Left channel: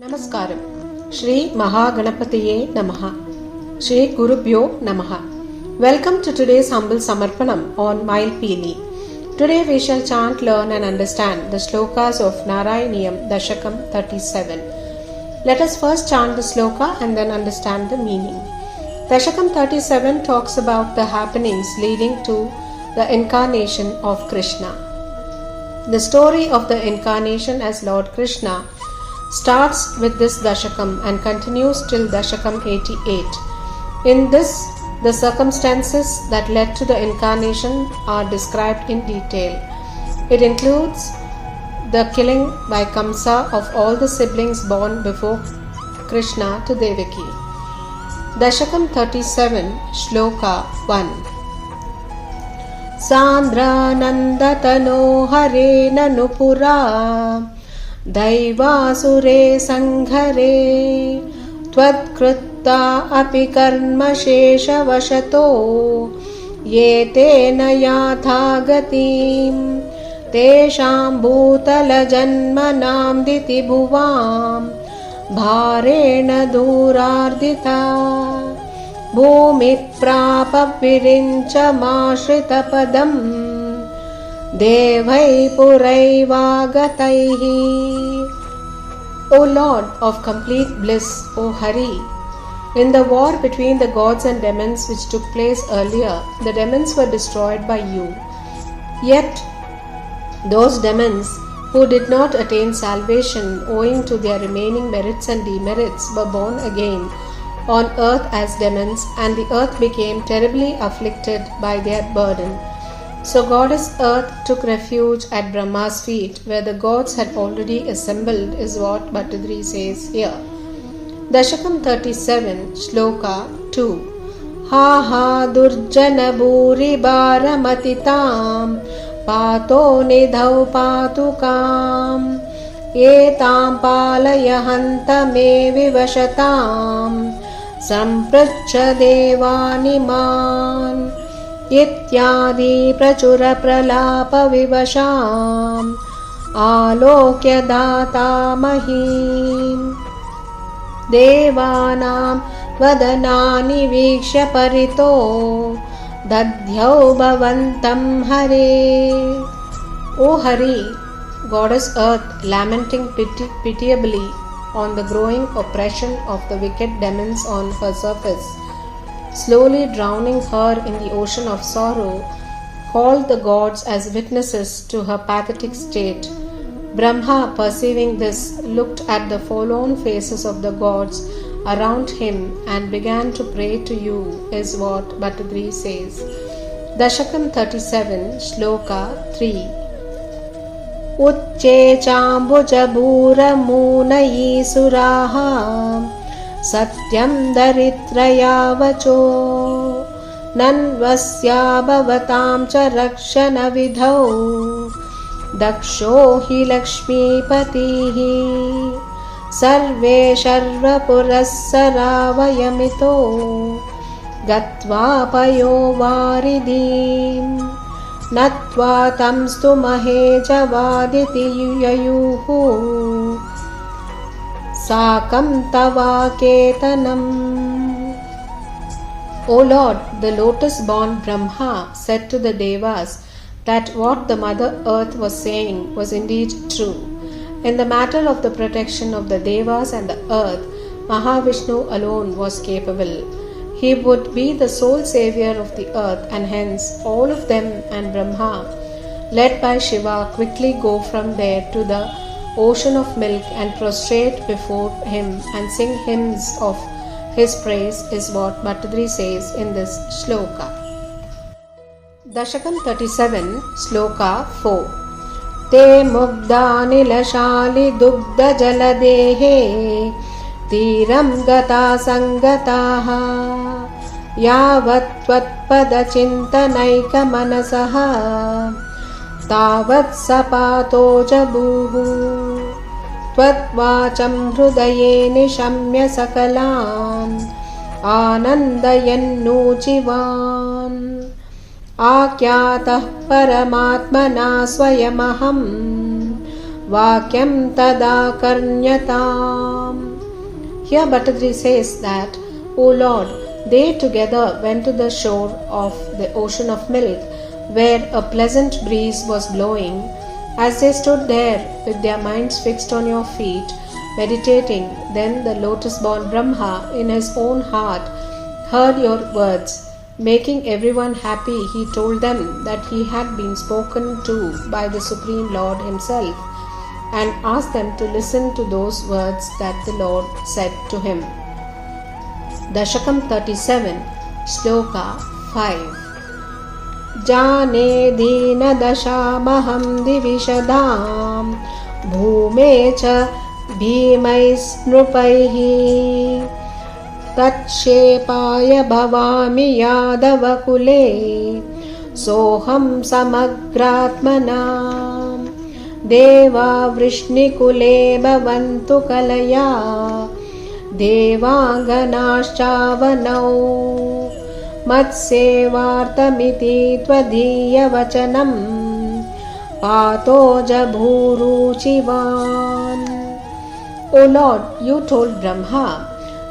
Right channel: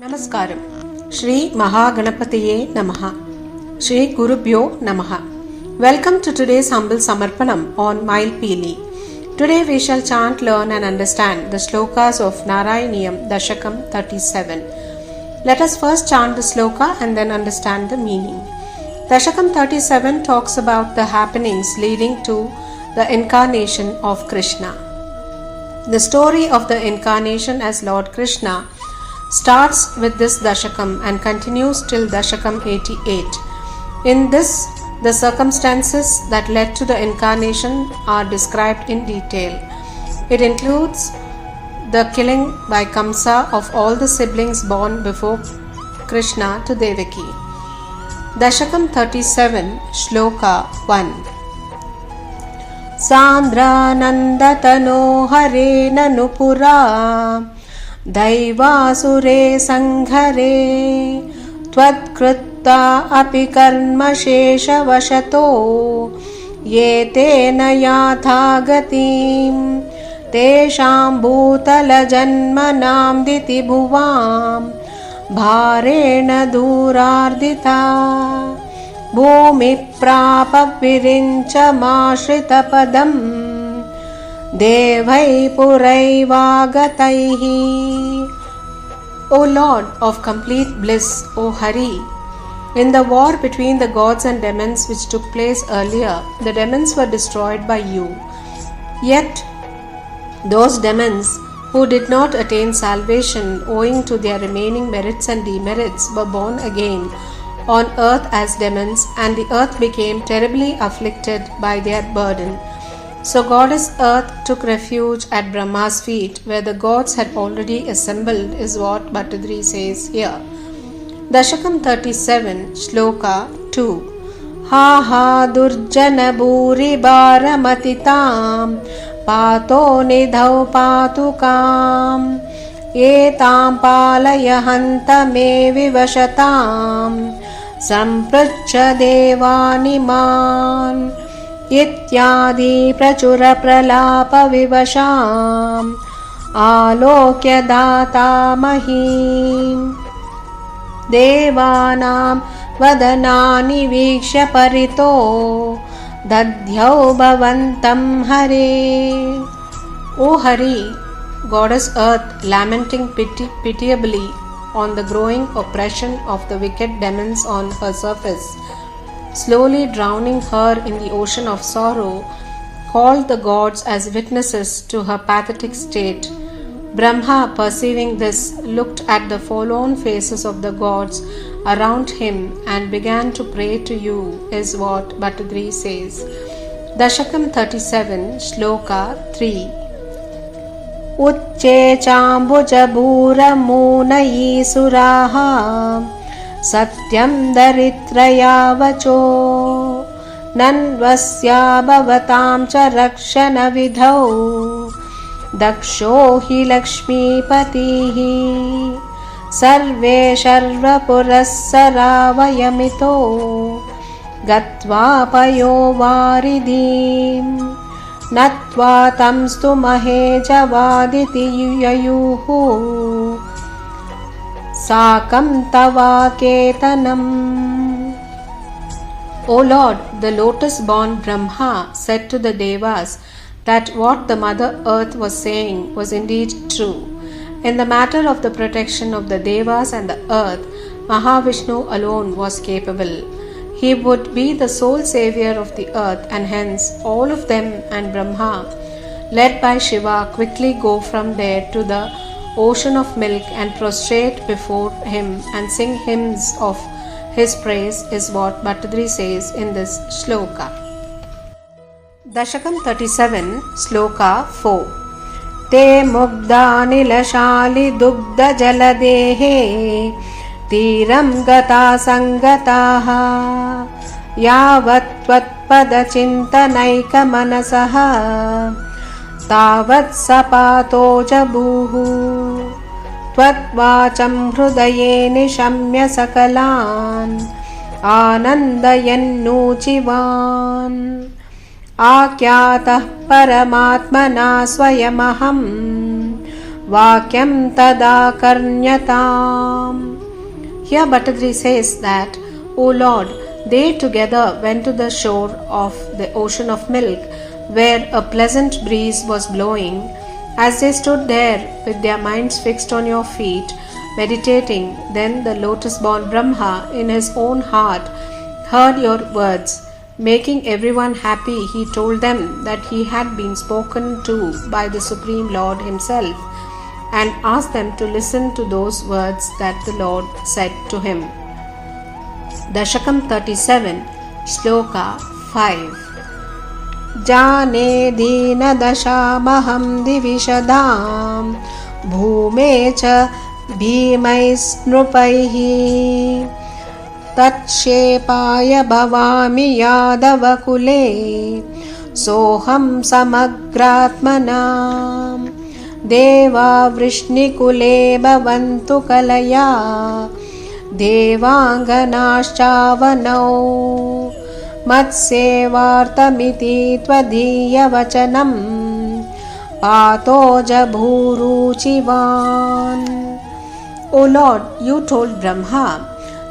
Namaskaram. Shri Mahaganapatiye Namaha. Shri Gurubhyo Namaha. Welcome to today's humble samarpanam on Mayilpeeli. Today we shall chant, learn and understand the slokas of Narayaneeyam Dasakam 37. Let us first chant the sloka and then understand the meaning. Dasakam 37 talks about the happenings leading to the incarnation of Krishna. The story of the incarnation as Lord Krishna starts with this Dasakam and continues till Dasakam 88. In this, the circumstances that led to the incarnation are described in detail. It includes the killing by Kamsa of all the siblings born before Krishna to Devaki. Dasakam 37, Shloka 1. Sandranandatano hare nanupura दैवासुरे संघरे त्वत्कृत्ता अपि कर्म शेषवशतो ये तेन याथा गतिं तेषां भूतलजन्मनां दितिभुवां भारेण दूरार्दिता भूमिप्राप विरिञ्चमाश्रितपदम् Devai Puraivagataihi. O Lord of complete bliss, O Hari, in the war between the gods and demons which took place earlier, the demons were destroyed by you. Yet, those demons who did not attain salvation owing to their remaining merits and demerits were born again on earth as demons, and the earth became terribly afflicted by their burden. So Goddess Earth took refuge at Brahma's feet, where the gods had already assembled, is what Bhattadri says here. Dasakam 37, Shloka 2. Ha ha durjana bhuri bharamatitam pato nidhau patukam etam palayahanta me vivashatam samprachya devaniman इत्यादि प्रचुर प्रलाप विवशाम् आलोक्य दातामहीम् देवानां वदनानि वीक्ष्य परितो दध्यौ भवन्तं हरे. O Hari, Goddess Earth, lamenting pitiably on the growing oppression of the wicked demons on her surface, slowly drowning her in the ocean of sorrow, called the gods as witnesses to her pathetic state. Brahma, perceiving this, looked at the forlorn faces of the gods around him and began to pray to you, is what Bhattadri says. Dasakam 37, Shloka 3. Uchche chambuja bhura munayi suraha Satyam daritraya vacho nanvasya bhavatam cha rakshana vidhau daksho hi lakshmi patihi sarve sharva purassara vayamito gatva payo varidhim natva tamstu mahe javaditi yayuhu Sakam tava ketanam. O Lord, the lotus-born Brahma said to the Devas that what the Mother Earth was saying was indeed true. In the matter of the protection of the Devas and the earth, Mahavishnu alone was capable. He would be the sole savior of the earth, and hence all of them and Brahma, led by Shiva, quickly go from there to the ocean of milk and prostrate before him and sing hymns of his praise, is what Bhattadri says in this shloka. Dasakam 37, Shloka 4. Te mugda nilashali dugda jaladehe tiram gata sangataha yavat tvatpada chintanaika manasaha तावत् सपातो जबुः त्वद्वाचं हृदये निशम्य सकलान् आनन्दयन्नूचिवान् आख्यातः परमात्मना स्वयमहं vakyam tada karnyatam. Here Bhattadri says that, O Lord, they together went to the shore of the ocean of milk, where a pleasant breeze was blowing. As they stood there with their minds fixed on your feet, meditating, then the lotus-born Brahma in his own heart heard your words. Making everyone happy, he told them that he had been spoken to by the Supreme Lord himself, and asked them to listen to those words that the Lord said to him. Dasakam 37, Sloka 5. Jane dina dashamaham divishadam bhume cha bhimais nrupaihi tatshepaya bhavami yadavakule soham samagratmanam deva vrishnikule bhavantu kalaya devanganashchavanau matsevartamiti tvadiyavacanam patoja bhuruchivan. O Lord, you told Brahma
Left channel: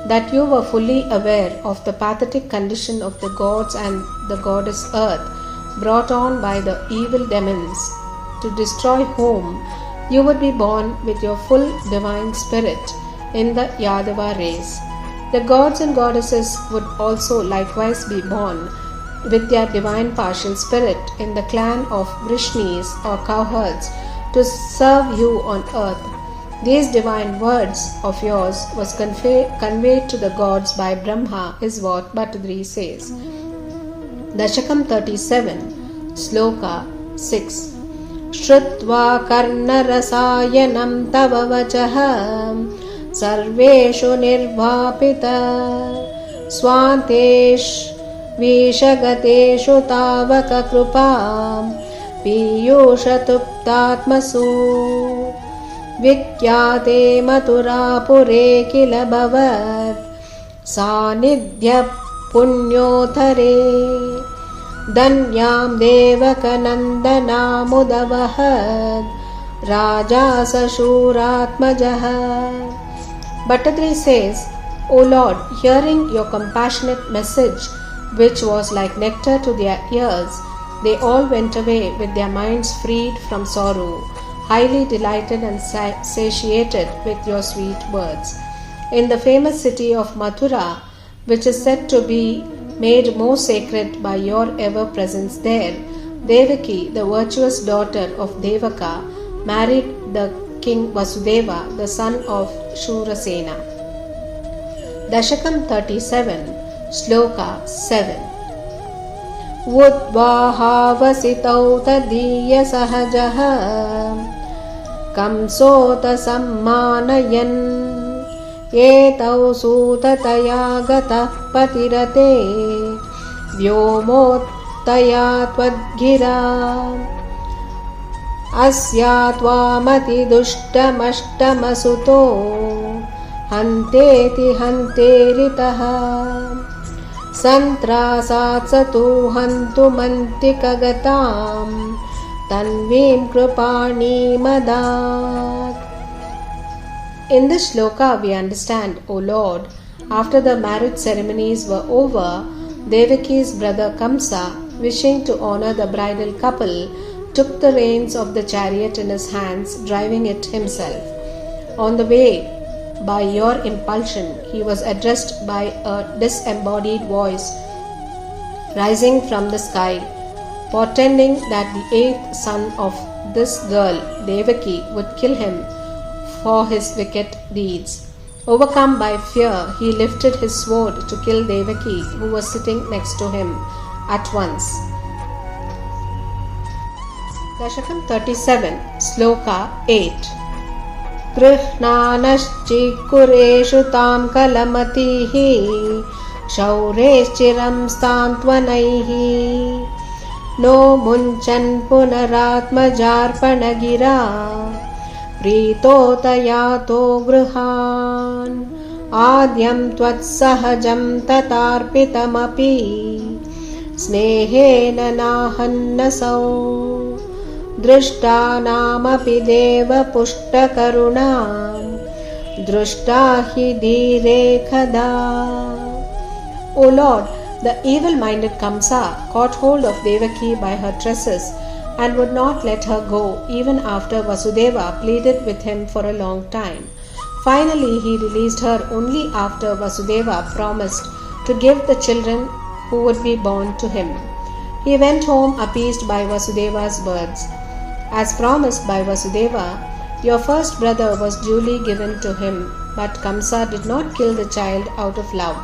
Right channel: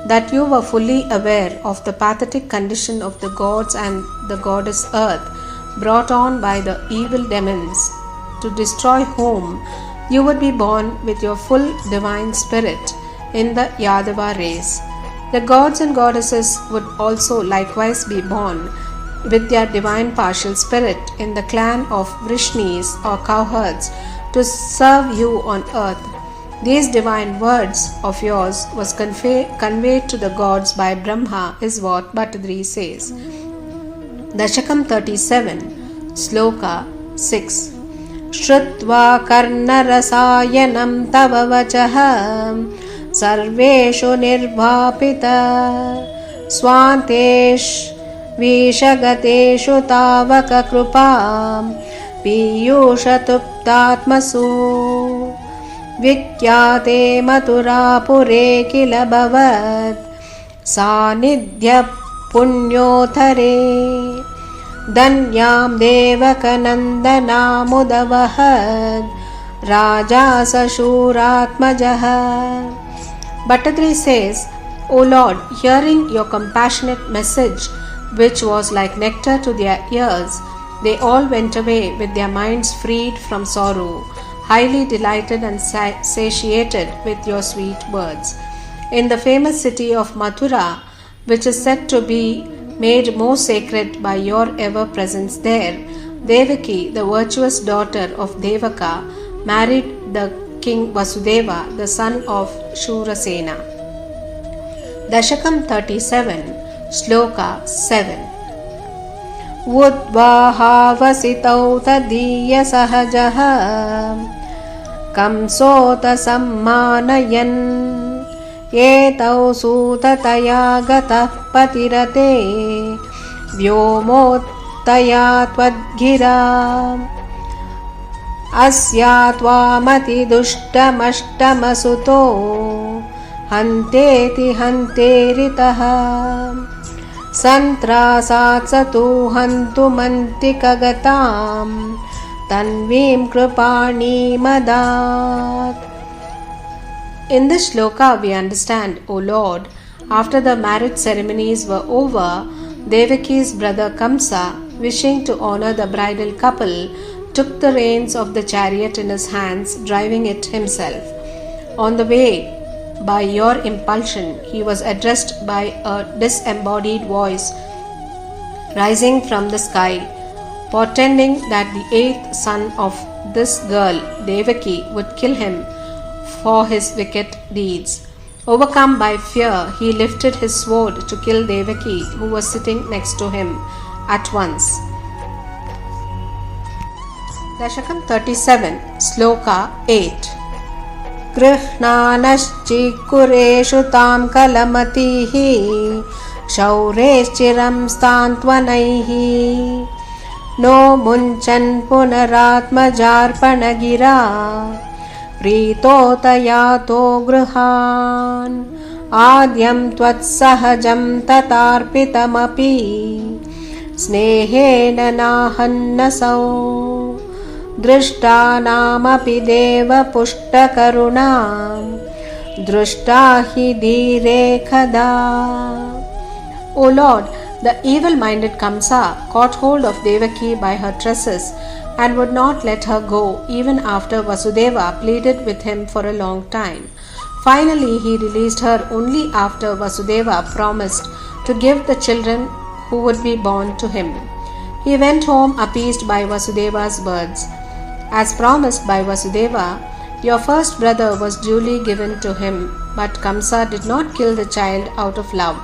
that you were fully aware of the pathetic condition of the gods and the goddess earth, brought on by the evil demons, to destroy whom you would be born with your full divine spirit in the Yadava race. The gods and goddesses would also likewise be born with their divine partial spirit in the clan of Vrishnis or cowherds to serve you on earth. These divine words of yours was conveyed to the gods by Brahma, is what Bhattadri says. Dasakam 37, Sloka 6. Shrutva karnarasayanam tava vachaham sarveshu nirvapita swantesh vishagateshu tavaka krupam piyushatuptatmasu vikyate maturapure kila bhavat sanidhya punyothare danyam devakanandanamudavahat raja sashuratmajah. Bhattadri says, O Lord, hearing your compassionate message, which was like nectar to their ears, they all went away with their minds freed from sorrow, highly delighted and satiated with your sweet words. In the famous city of Mathura, which is said to be made more sacred by your ever-presence there, Devaki, the virtuous daughter of Devaka, married the King Vasudeva, the son of Shurasena. Dasakam 37, Sloka 7. Udvahavasitau tadiya sahajaha kamsota sammanayan etau sutataya gatah patirate vyomotaya tvadgira asya tvamati dushtamastamasuto hanteti hanteritaha santrasat satu hantumantikagatam tanvim kripani madat. In this shloka we understand, O Lord, after the marriage ceremonies were over, Devaki's brother Kamsa, wishing to honor the bridal couple, took the reins of the chariot in his hands, driving it himself. On the way, by your impulsion, he was addressed by a disembodied voice rising from the sky, portending that the eighth son of this girl, Devaki, would kill him for his wicked deeds. Overcome by fear, he lifted his sword to kill Devaki, who was sitting next to him, at once. Dasakam 37, Sloka 8. Grihnanaschikureshu tam kalamatihi shaureshchiram stantvanaihi no munchan punaratmajarpanagira pritotayato gruhan adyam tvatsahajam tatarpitamapi snehena nahannasau दृष्टानामपि देवपुष्टकरुणां दृष्टा हि धीरे कदा. O Lord, the evil-minded Kamsa caught hold of Devaki by her tresses and would not let her go even after Vasudeva pleaded with him for a long time. Finally, he released her only after Vasudeva promised to give the children who would be born to him. He went home appeased by Vasudeva's words. As promised by Vasudeva, your first brother was duly given to him, but Kamsa did not kill the child out of love.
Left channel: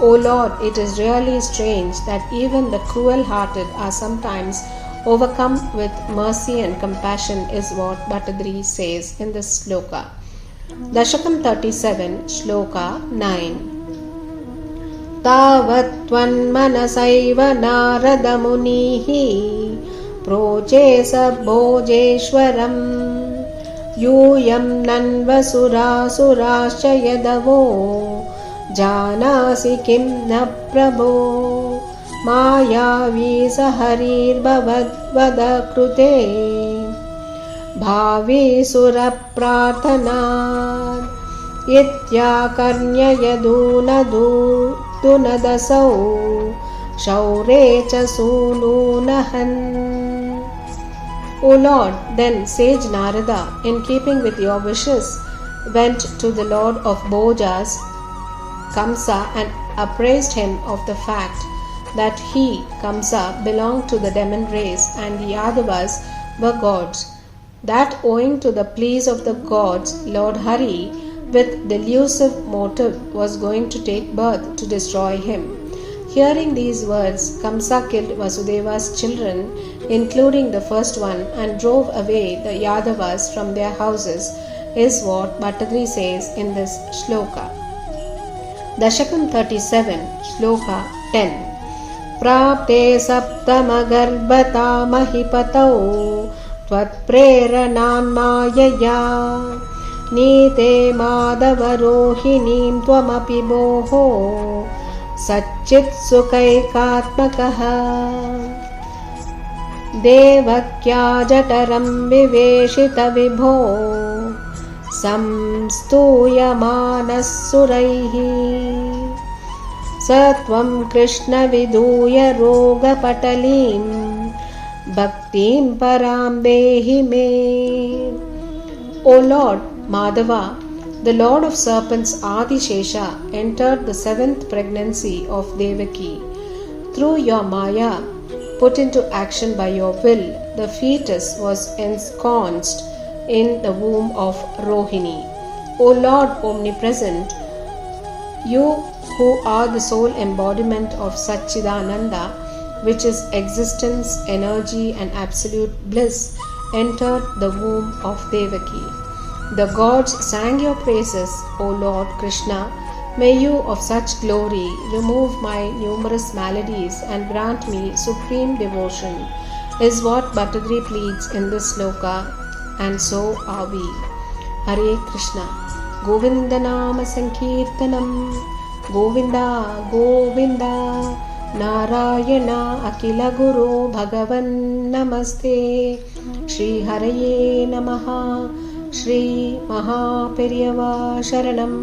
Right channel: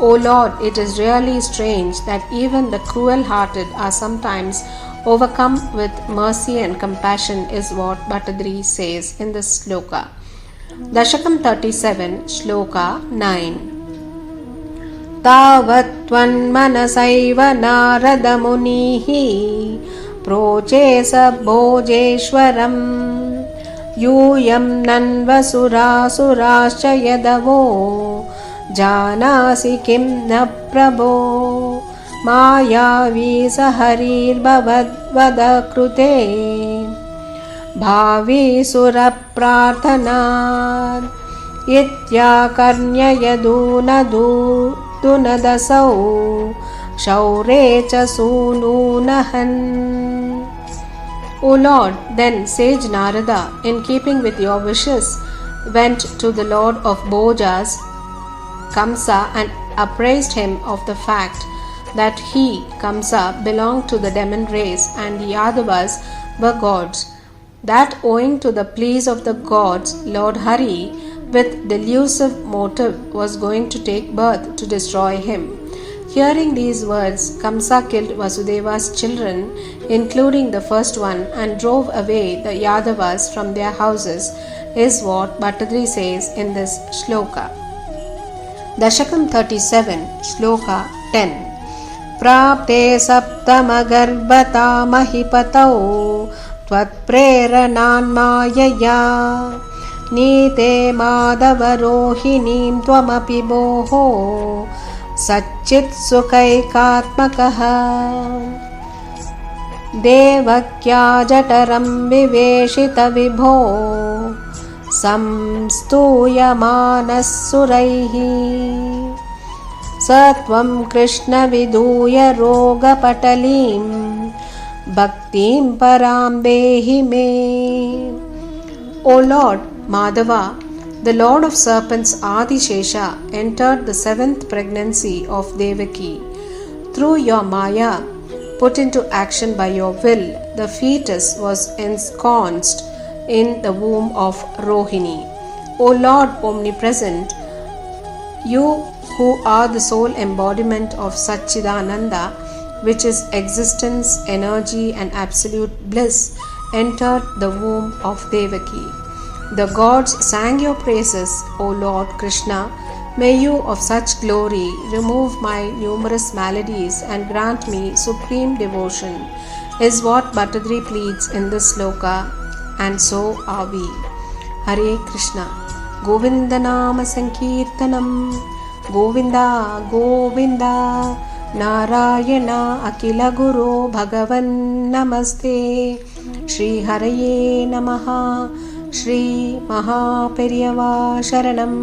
O Lord, it is really strange that even the cruel-hearted are sometimes overcome with mercy and compassion, is what Bhattadri says in this sloka. Dasakam 37, Shloka 9. Tavatvan manasaiva narada munihi proche sabbhojeshwaram yuyam nanvasurasurascha yadavo janasi kim na prabho मायावी सहरीर्भवद्वद कृते भावी सुरप्रार्थनात् इत्याकर्ण्ययदूनदसौ शौरे च सूनूनहन्. O Lord, then sage Narada, in keeping with your wishes, went to the Lord of Bhojas, Kamsa, and appraised him of the fact that he, Kamsa, belonged to the demon race and the Yadavas were gods, that owing to the pleas of the gods, Lord Hari, with delusive motive, was going to take birth to destroy him. Hearing these words, Kamsa killed Vasudeva's children, including the first one, and drove away the Yadavas from their houses, is what Bhattadri says in this shloka. Dasakam 37, Shloka 10. प्राप्ते सप्तमगर्भता महिपतौ त्वत्प्रेरणान्मायया नीते माधवरोहिणीं त्वमपि भोः सच्चित्सुखैकात्मकः देवक्या जठरं विवेशितविभो संस्तूयमानः सुरैः स त्वं कृष्ण विधूय रोगपटलीं भक्तिं परां देहि मे. O Lord, Madhava, the Lord of serpents Adishesha, entered the 7th pregnancy of Devaki. Through your Maya, put into action by your will, the fetus was ensconced in the womb of Rohini. O Lord omnipresent, you who are the sole embodiment of Satchidananda, which is existence, energy and absolute bliss, entered the womb of Devaki. The gods sang your praises, O Lord Krishna. May you of such glory remove my numerous maladies and grant me supreme devotion, is what Bhattadri pleads in this sloka, and so are we. Hare Krishna. Govinda Nama Sankirtanam. Govinda Govinda. Narayana Akila Guru Bhagavan Namaste. Shri Haraye Namaha. Shri Mahaperiyava Sharanam.